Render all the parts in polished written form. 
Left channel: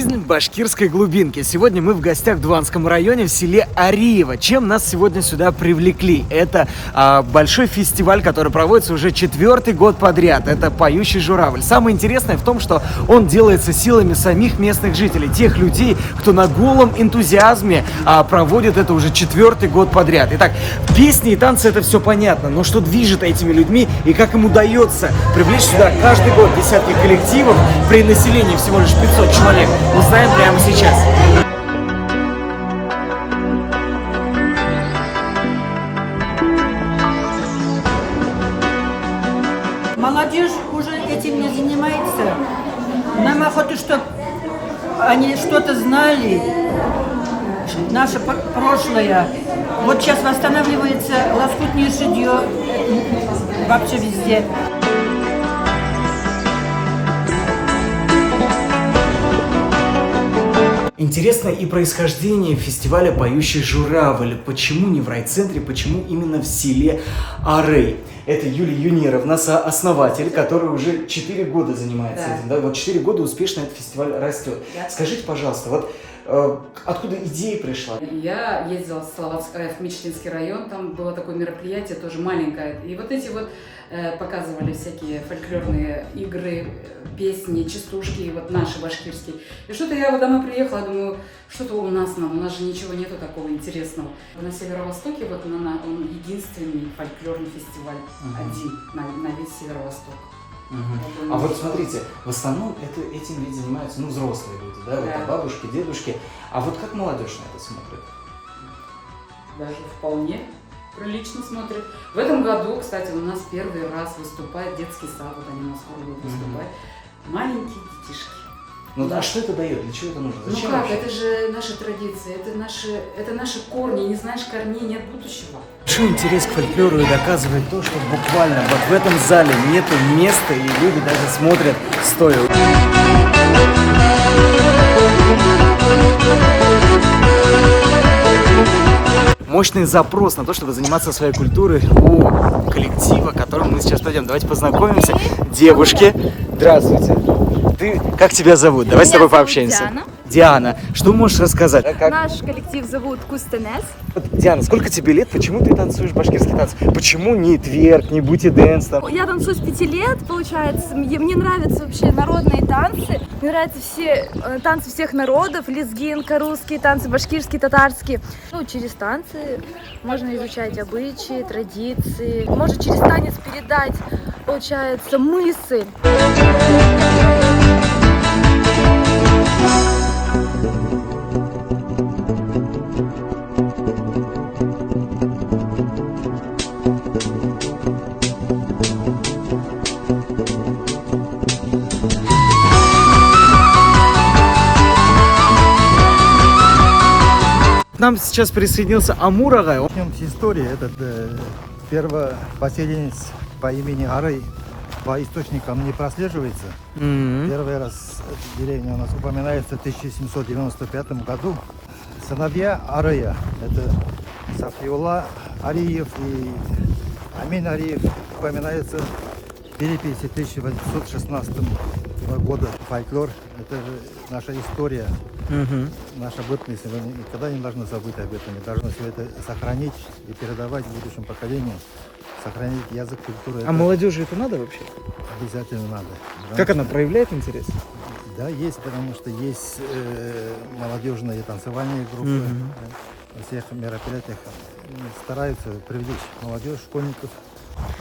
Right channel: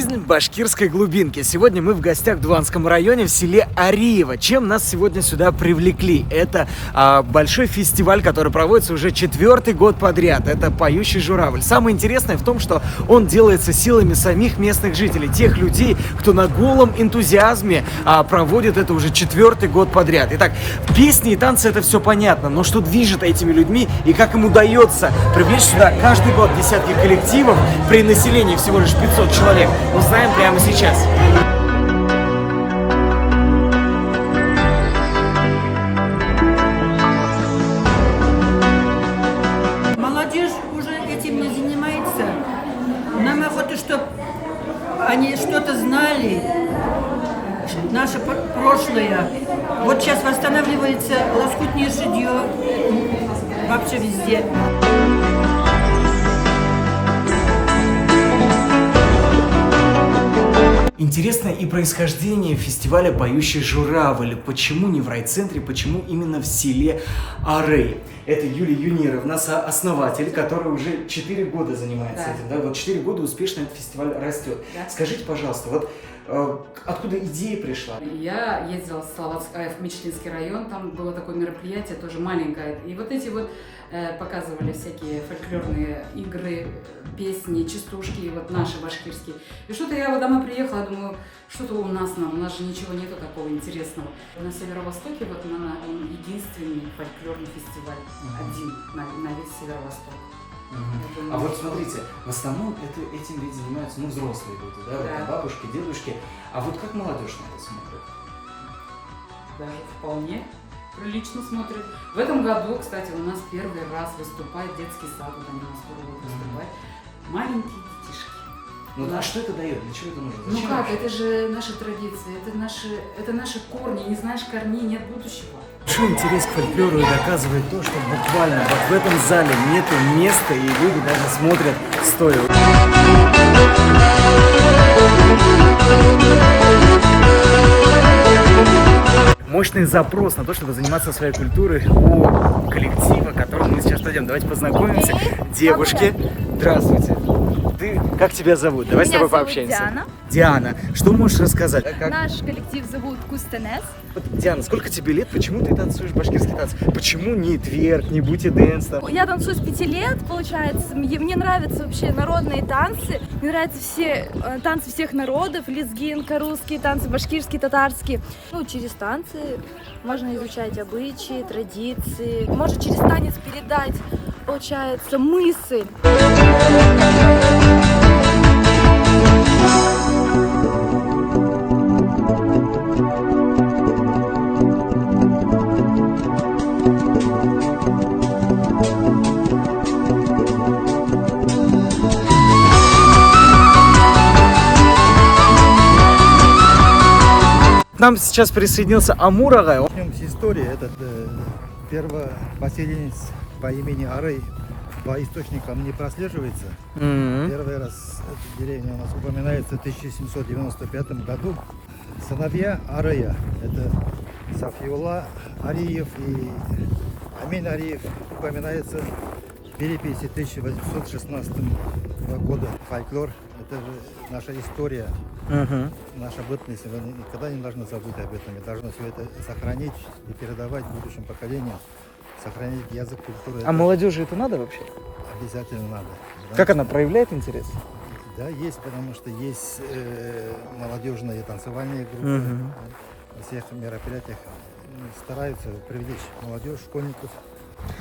Жизнь башкирской глубинки. Сегодня мы в гостях в Дуванском районе, в селе Ариево. Чем нас сегодня сюда привлекли? Это большой фестиваль, который проводится уже 4-й год подряд. Это «Поющий журавль». Самое интересное в том, что он делается силами самих местных жителей, тех людей, кто на голом энтузиазме проводит это уже 4-й год подряд. Итак, песни и танцы — это все понятно, но что движет этими людьми и как им удается привлечь сюда каждый год десятки коллективов при населении всего лишь 500 человек, узнаем прямо сейчас. Молодежь уже этим не занимается. Нам охота, чтобы они что-то знали, наше прошлое. Вот сейчас восстанавливается лоскутное шитье вообще везде. Интересно и происхождение фестиваля «Поющий журавль». Почему не в райцентре, почему именно в селе Арей? Это Юлия Юнировна, основатель, который уже 4 года занимается этим. Да? Вот 4 года успешно этот фестиваль растет. Да. Скажите, пожалуйста, вот откуда идея пришла? Я ездила в Мечетинский район, там было такое мероприятие, тоже маленькое. И вот эти вот показывали всякие фольклорные игры, песни, частушки, вот наши башкирские. И что-то я вот домой приехала, думаю, что-то у нас же ничего нету такого интересного. На Северо-Востоке вот он единственный фольклорный фестиваль, один на весь Северо-Восток. Думаю, вот смотрите, в основном этим ведь занимаются взрослые люди, да? Это бабушки, дедушки. А вот как молодежь на это смотрит? Даже вполне прилично смотрят. В этом году, кстати, у нас первый раз выступает детский сад, вот они у нас скоро будут выступать. Маленькие детишки. Ну а что это дает? Для чего это нужно? Зачем как? Вообще? Это же наши традиции, это наши корни. Не знаешь корней, нет будущего. Большой интерес к фольклору и доказывает то, что буквально вот в этом зале нету места, и люди даже смотрят стоя. Мощный запрос на то, чтобы заниматься своей культурой у коллектива, которым мы сейчас пойдем. Давайте познакомимся. Девушки, здравствуйте. Как тебя зовут? Давай с тобой пообщаемся. Диана. Диана, что можешь рассказать? Наш коллектив зовут Кустенес. Диана, сколько тебе лет? Почему ты танцуешь башкирский танец? Почему не тверк, не бути-дэнс? Я танцую с 5 лет, получается. Мне нравятся вообще народные танцы. Мне нравятся все танцы всех народов. Лезгинка, русские танцы, башкирские, татарские. Через танцы можно изучать обычаи, традиции. Можно через танец передать, получается, мысль. К нам сейчас присоединился Амур Агай. Начнем с истории. Этот первопоселенец по имени Арей по источникам не прослеживается. Первый раз эта деревня у нас упоминается в 1795 году. Сыновья Арея, это Сафиулла Ариев и Амин Ариев, упоминается в переписи 1816 года. Фольклор — это же наша история. Наша бытность, мы никогда не должны забыть об этом, мы должны все это сохранить и передавать будущим поколениям, сохранить язык, культуру. А молодежи это надо вообще? Обязательно надо. Как она проявляет интерес? Да, есть, потому что есть молодежные танцевальные группы. На всех мероприятиях стараются привлечь молодежь, школьников.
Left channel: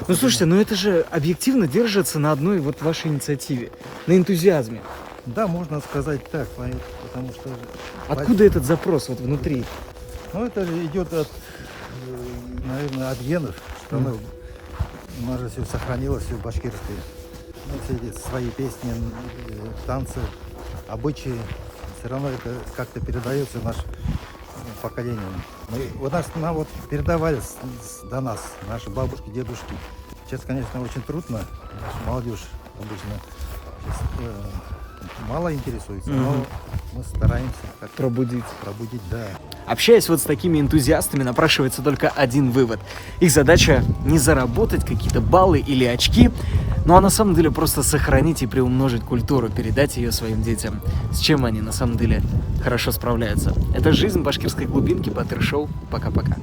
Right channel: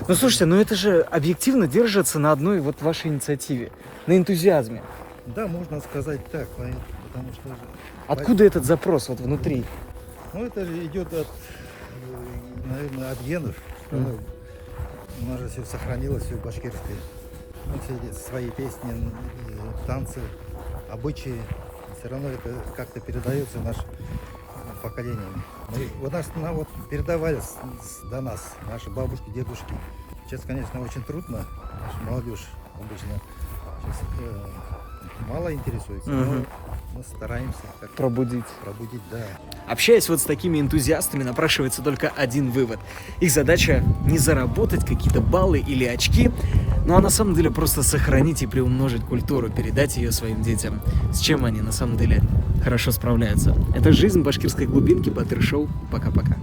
Ну слушайте, это же объективно держится на одной вот вашей инициативе, на энтузиазме. Да, можно сказать так, потому что... Откуда этот запрос вот внутри? Это идет от, наверное, от генов, что у нас же все сохранилось, все башкирское. Все эти свои песни, танцы, обычаи, все равно это как-то передается нашим поколениям. Нам передавали до нас, наши бабушки, дедушки. Сейчас, конечно, очень трудно, молодежь обычно мало интересуется, но Мгм. мы стараемся как Пробудить. пробудить, да. Общаясь вот с такими энтузиастами, напрашивается только один вывод. Их задача не заработать какие-то баллы или очки, ну а на самом деле просто сохранить и приумножить культуру, передать ее своим детям, с чем они на самом деле хорошо справляются. Это «Жизнь башкирской глубинки», Батыр Шоу. Пока-пока.